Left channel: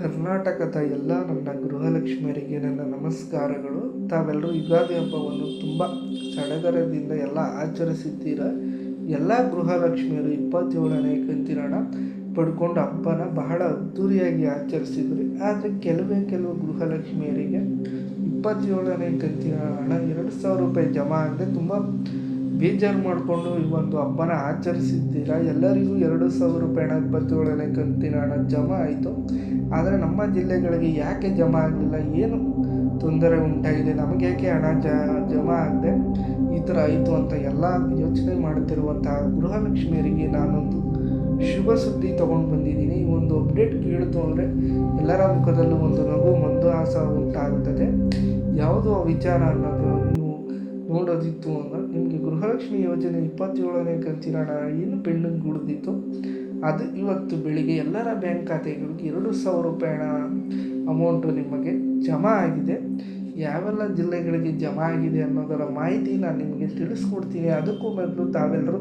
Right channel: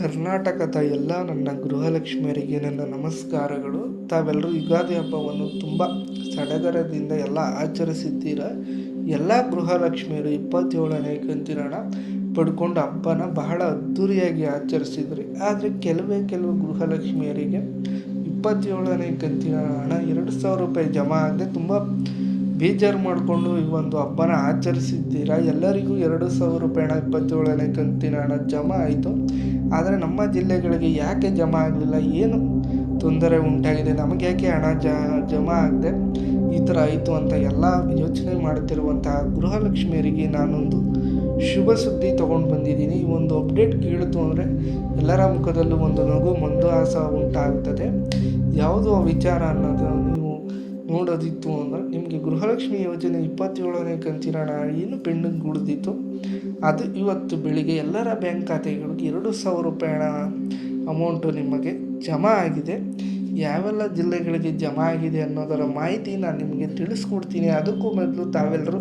ಕರ್ನಾಟಕದ ಎಲ್ಲ ನನ್ನ ಗೃಹಲಕ್ಷ್ಮಿಯರಿಗೆ ನನ್ನ ನಮಸ್ಕಾರಗಳು. ತಾವೆಲ್ಲರೂ ಯುಗಾದಿ ಹಬ್ಬವನ್ನು ತುಂಬ ಸಡಗರದಿಂದ ಎಲ್ಲ ಆಚರಿಸಿದ್ದೀರ. ಎಲ್ಲ ಗೃಹಲಕ್ಷ್ಮಿಯರು 27ನೇ ಕಂತಿನ ಪಡ್ಕೊಂಡು ಹಬ್ಬನ ಬಹಳ ಅದ್ಧೂರಿಯಾಗಿ ಆಚರಿಸಿದ್ರಿ. ಆದರೆ ಕೆಲವು ಗೃಹಲಕ್ಷ್ಮಿಯರಿಗೆ 27ನೇ ಕಂತಿನ ಹಣ 2,000 ರೂಪಾಯಿ ಜಮಾ ಆಗದೆ ತುಂಬ ಬೇಜಾರು ಮಾಡಿಕೊಂಡು ಈ ಒಂದು ಹಬ್ಬನ ಆಚರಿಸಿದ್ದೀರ. ಎಲ್ಲರಿಗೂ 2,000 ರೂಪಾಯಿ ಹಣ 27ನೇ ಕಂತಿನ ಹಣ ಜಮಾ ಆಯಿತು. ಆದರೆ ನಮ್ಮ ಜಿಲ್ಲೆಗಳಿಗೆ ಯಾಕೆ ಜಮಾ ಆಗಲಿಲ್ಲ, ಏನು ತೊಂದರೆ ಉಂಟಾಗಿದೆ, ನಮಗೆ ಯಾಕೆ ಹಣ ಜಮಾ ಆಗದೆ ಈ ಥರ ಆಯಿತು ಅಂತ ಎಲ್ಲ ಯೋಚನೆ ಮಾಡುತ್ತಿರುವಂತಹ ಗೃಹಲಕ್ಷ್ಮಿಯರಿಗೆ ನಾನೊಂದು ಶುಭ ಸುದ್ದಿ ತೊಗೊಂಡು ಬಂದಿದ್ದೀನಿ. ಈ ಒಂದು ಅಪ್ಡೇಟ್ ಕೇಳಿತು ಅಂದರೆ ಎಲ್ಲರ ಮುಖದಲ್ಲೂ ಒಂದು ನಗು ಮಂದಹಾಸ ಉಂಟಾಗುತ್ತದೆ. ಯಾವುದು ಆ ವಿಚಾರ ಅನ್ನೋದು ನೀವು ನೋಡೋದಿತ್ತು ಅಂದರೆ, ನಿಮಗೆ ಗೃಹಲಕ್ಷ್ಮಿ ಯೋಜನೆ 27ನೇ ಕಂತಿನ ಹಣ ಏನು ಪೆಂಡಿಂಗ್ ಉಳಿದಿತ್ತು ಅದು ಇವತ್ತು ಬೆಳಿಗ್ಗೆ ಎಲ್ಲರ ಬ್ಯಾಂಕ್ ಖಾತೆಗಳಿಗೆ 2,000 ರೂಪಾಯಿ ಹಣ ಅಮೌಂಟು ನಿಮಗೆ ಜಮಾ ಆಗಿದೆ. ಯಾವೆಲ್ಲ ಜಿಲ್ಲೆಗಳಿಗೆ ಜಮಾ ಆಗಿದೆ ಅನ್ನೋದರ ಮಾಹಿತಿ ನಾನು ನಿಮಗೆ ತಿಳಿಸ್ಕೊಡ್ತೀನಿ. ಅದಕ್ಕೂ ಮೊದಲು ತಾವೆಲ್ಲರೂ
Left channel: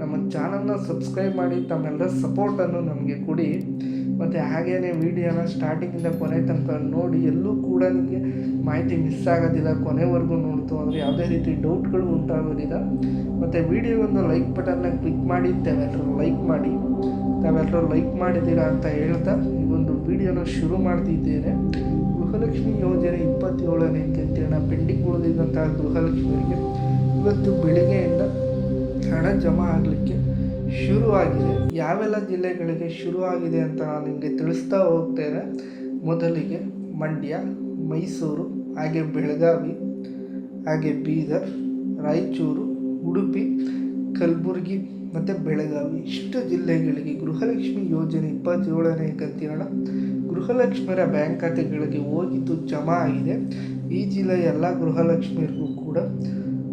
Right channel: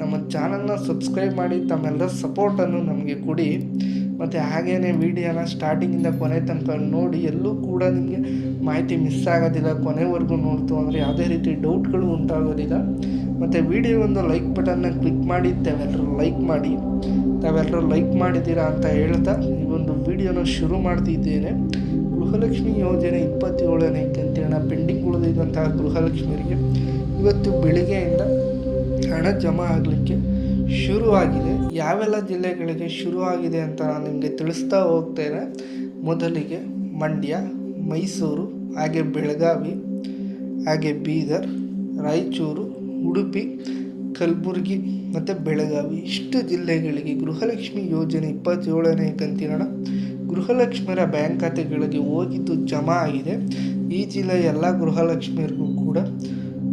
ನಮ್ಮ ಚಾನಲ್ನ ಸಬ್ಸ್ಕ್ರೈಬ್ ಮಾಡಿ ತಮ್ಮೆಲ್ಲರ ಸಪೋರ್ಟನ್ನು ನಮಗೆ ಕೊಡಿ. ಮತ್ತು ಹಾಗೆಯೇ ವಿಡಿಯೋನ ಸ್ಟಾರ್ಟಿಂಗಿಂದ ಕೊನೆ ತನಕ ನೋಡಿ. ಎಲ್ಲೂ ಕೂಡ ನಿಮಗೆ ಮಾಹಿತಿ ಮಿಸ್ ಆಗೋದಿಲ್ಲ. ಕೊನೆವರೆಗೂ ನೋಡ್ತು ಅಂದರೆ ಯಾವುದೇ ರೀತಿ ಡೌಟ್ಗಳು ಉಂಟಾಗೋದಿಲ್ಲ. ಮತ್ತು ವಿಡಿಯೋ ಒಂದು ಲೈಕ್ ಬಟನ್ನ ಕ್ಲಿಕ್ ಮಾಡಿ ತಾವೆಲ್ಲರೂ ಲೈಕ್ ಮಾಡಿದ್ದೀರಾ ಅಂತ ಹೇಳ್ತಾ ಈ ಒಂದು ವಿಡಿಯೋನ ಶುರು ಮಾಡ್ತಿದ್ದೇನೆ. ಗೃಹಲಕ್ಷ್ಮಿ ಯೋಜನೆ 27ನೇ ಕಂತಿನ ಪೆಂಡಿಂಗ್ ಉಳಿದಿದ್ದಂತಹ ಗೃಹಲಕ್ಷ್ಮಿಯರಿಗೆ ಇವತ್ತು ಬೆಳಿಗ್ಗೆಯಿಂದ ಹಣ ಜಮಾ ಆಗಲಿಕ್ಕೆ ಶುರುವಾಗಿದೆ. ಯಾವೆಲ್ಲ ಜಿಲ್ಲೆಗಳಿಗೆ ಶುರುವಾಗಿದೆ ಅಂತ ನಾನು ನಿಮಗೆ ತಿಳಿಸ್ತಾ ಹೋಗ್ತೇನೆ. ಮೊದಲಿಗೆ ಮಂಡ್ಯ, ಮೈಸೂರು, ಹಾಗೆ ಬೆಳಗಾವಿ, ಹಾಗೆ ಬೀದರ್, ರಾಯಚೂರು, ಉಡುಪಿ, ಕಲಬುರಗಿ ಮತ್ತು ಬೆಳಗಾವಿ ಇಷ್ಟು ಜಿಲ್ಲೆಗಳಿಗೆ ಗೃಹಲಕ್ಷ್ಮಿ ಯೋಜನೆ 27ನೇ ಕಂತಿನ ಹಣ ಗೃಹಲಕ್ಷ್ಮಿಯರ ಬ್ಯಾಂಕ್ ಖಾತೆಗಳಿಗೆ ಹೋಗಿದ್ದು ಜಮಾ ಆಗಿದೆ. ಈ ಜಿಲ್ಲೆಯ ಎಲ್ಲ ಗೃಹಲಕ್ಷ್ಮಿಯರಿಗೂ ಕೂಡ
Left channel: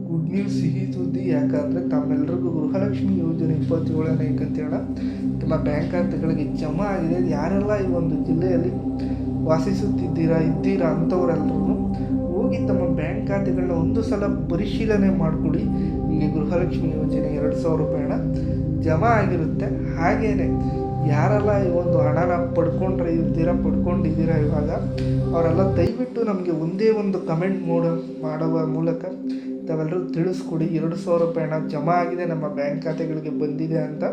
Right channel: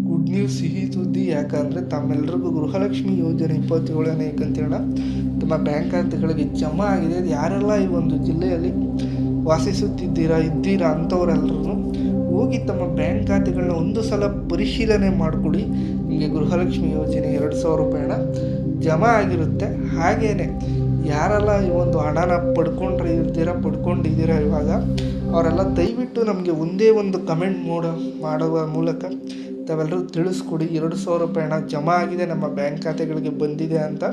ಗುಡ್ ನ್ಯೂಸ್, ಸಿಹಿ ಸುದ್ದಿ. ಯಾಕಂದರೆ ತಮ್ಮೆಲ್ಲರಿಗೂ ಗೃಹಲಕ್ಷ್ಮಿ ಯೋಜನೆ 27ನೇ ಕಂತಿನ ಹಣ ತಮ್ಮ ಬ್ಯಾಂಕ್ ಖಾತೆಗಳಿಗೆ ಜಮಾ ಆಗಿದೆ. ಯಾರೆಲ್ಲ ಈ ಒಂದು ಜಿಲ್ಲೆಯಲ್ಲಿ ವಾಸಿಸುತ್ತಿದ್ದೀರಾ ಅಂಥವರೆಲ್ಲರೂ ಹೋಗಿ ತಮ್ಮ ಬ್ಯಾಂಕ್ ಖಾತೆಗಳನ್ನ ಒಂದು ಸಲ ಪರಿಶೀಲನೆ ಮಾಡಿಕೊಡಿ. ನಿಮಗೆ ಗೃಹಲಕ್ಷ್ಮಿ ಯೋಜನೆ 2,000 ರೂಪಾಯಿ ಹಣ ಜಮಾ ಆಗಿರುತ್ತೆ. ಹಾಗೆಯೇ ಯಾರೆಲ್ಲ ಈ ಒಂದು ಹಣನ ಪಡ್ಕೊಂಡಿದ್ದೀರಾ ಇವಾಗ ಅವರೆಲ್ಲ ದಯವಿಟ್ಟು ನಮಗೆ ಒಂದೇ ಒಂದು ಕಮೆಂಟ್ ಮಾಡುವ ಮೂಲಕ ತಾವೆಲ್ಲರೂ ತಿಳಿಸ್ಕೊಡಿ 2,000 ರೂಪಾಯಿ ಹಣ ಜಮಾ ಆಗಿದೆ, ನಮ್ಮ ಬ್ಯಾಂಕ್ ಖಾತೆಗಳಿಗೆ ಬಂದಿದೆ ಅಂತ.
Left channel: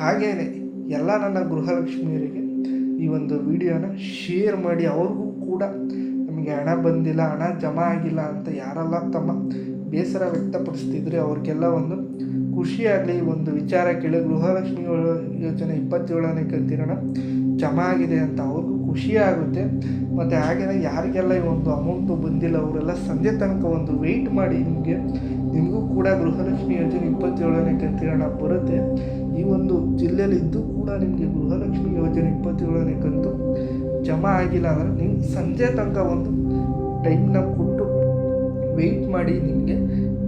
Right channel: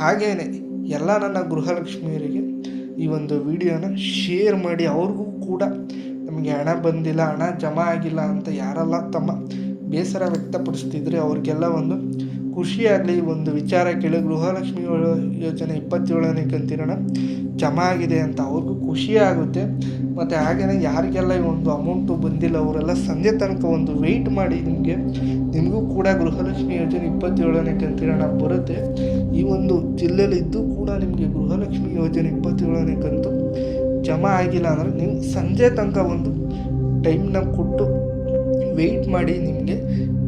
ಹಾಗೆಯೇ ಎಲ್ಲ ನನ್ನ ಗೃಹಲಕ್ಷ್ಮಿಯರಿಗೆ ಈ ಒಂದು ವಿಡಿಯೋನ ಶೇರ್ ಮಾಡಿ. ಅವ್ರಿಗೂ ಕೂಡ ನಮಗೆ ಹಣ ಬಂದಿಲ್ಲ, ಹಣ ಜಮಾ ಆಗಿಲ್ಲ ಅಂತ ಯಾರೆಲ್ಲ ತಮ್ಮ ಬೇಸರ ವ್ಯಕ್ತಪಡಿಸ್ತಿದ್ರೆ ಅವ್ರಿಗೆಲ್ಲ ಒಂದು ಖುಷಿಯಾಗಲಿ. ಒಂದು ವಿಚಾರ ಕೇಳಿ ಗೃಹಲಕ್ಷ್ಮಿ ಯೋಜನೆ 27ನೇ ಕಂತಿನ ಹಣ ಜಮಾ ಆಗಿದೆ ಅಂತ ಅವ್ರಿಗೂ ಖುಷಿಯಾಗುತ್ತೆ. ಮತ್ತು ಹಾಗೆಯೇ ಯಾರಿಗೆಲ್ಲ ಈ ಒಂದು ಅಮೌಂಟು ಬಂದಿಲ್ಲ ಅವರೆಲ್ಲ ಸಂಜೆ ತನಕ ಒಂದು ವೆಯ್ಟ್ ಮಾಡಿ. ನಿಮಗೂ ಕೂಡ ಗೃಹಲಕ್ಷ್ಮಿ ಯೋಜನೆ 27ನೇ ಕಂತಿನ ಹಣ ಬರುತ್ತೆ. ಈ ಒಂದು ಜಿಲ್ಲೆಯಲ್ಲಿ ಇದ್ದು ಕೂಡ ನಿಮಗೆ ಗೃಹಲಕ್ಷ್ಮಿ ಯೋಜನೆ 27ನೇ ಕಂತು ಜಮಾ ಆಗಿಲ್ಲ ಅಂದರೆ ನೀವು ಸಂಜೆ ತನಕ ಒಂದು ಟೈಮ್ನ ಕೊಟ್ಟು ವೆಯ್ಟ್ ಮಾಡಿ. ನಿಮಗೆ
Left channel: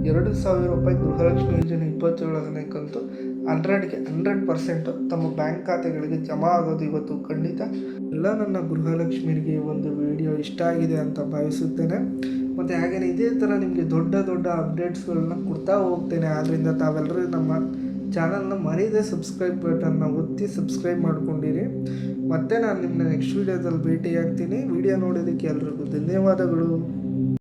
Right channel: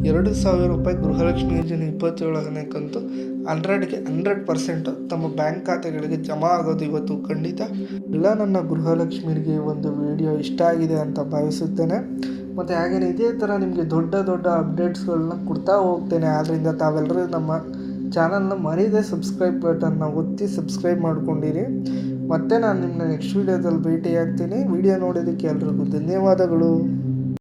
2,000 ರೂಪಾಯಿ ಗೃಹಲಕ್ಷ್ಮಿ ಯೋಜನೆ 27ನೇ ಕಂತು 100% ತಮ್ಮ ಬ್ಯಾಂಕ್ ಖಾತೆಗಳಿಗೆ ಜಮಾ ಆಗೋದು ಇವತ್ತು ಖಂಡಿತ. ಎಲ್ಲ ನನ್ನ ಗೃಹಲಕ್ಷ್ಮಿಯರಿಗೆ ಒಂದು ವಿಡಿಯೋ ಇಷ್ಟ ಆಗಿದೆ ಅಂತ ಭಾವಿಸುತ್ತೇನೆ. ಮತ್ತು ಹಾಗೆಯೇ ಇದೇ ಥರ ನಿಮಗೆ ದೊಡ್ಡ ಅಪ್ಡೇಟ್ಸ್ಗಳನ್ನ ಕೊಡ್ತಾ ಹೋಗ್ತೇನೆ. ಆದ್ದರಿಂದ ತಾವೆಲ್ಲರೂ ನಮ್ಮ ಚಾನಲ್ನ ಮರೀದೆ ಸಬ್ಸ್ಕ್ರೈಬ್ ಬಟನ್ನ ಒತ್ತಿ ಸಬ್ಸ್ಕ್ರೈಬ್ ಮಾಡ್ಕೊಂಡಿರಿ. ಮತ್ತು ನಾನು ನಿಮ್ಮನ್ನ ನೆಕ್ಸ್ಟ್ ವೀಡಿಯೋದಲ್ಲಿ ಭೇಟಿ ಆಗ್ತೀನಿ. ವಿಡಿಯೋ ನೋಡೋದಕ್ಕೆ ಎಲ್ರಿಗೂ ಧನ್ಯವಾದಗಳು.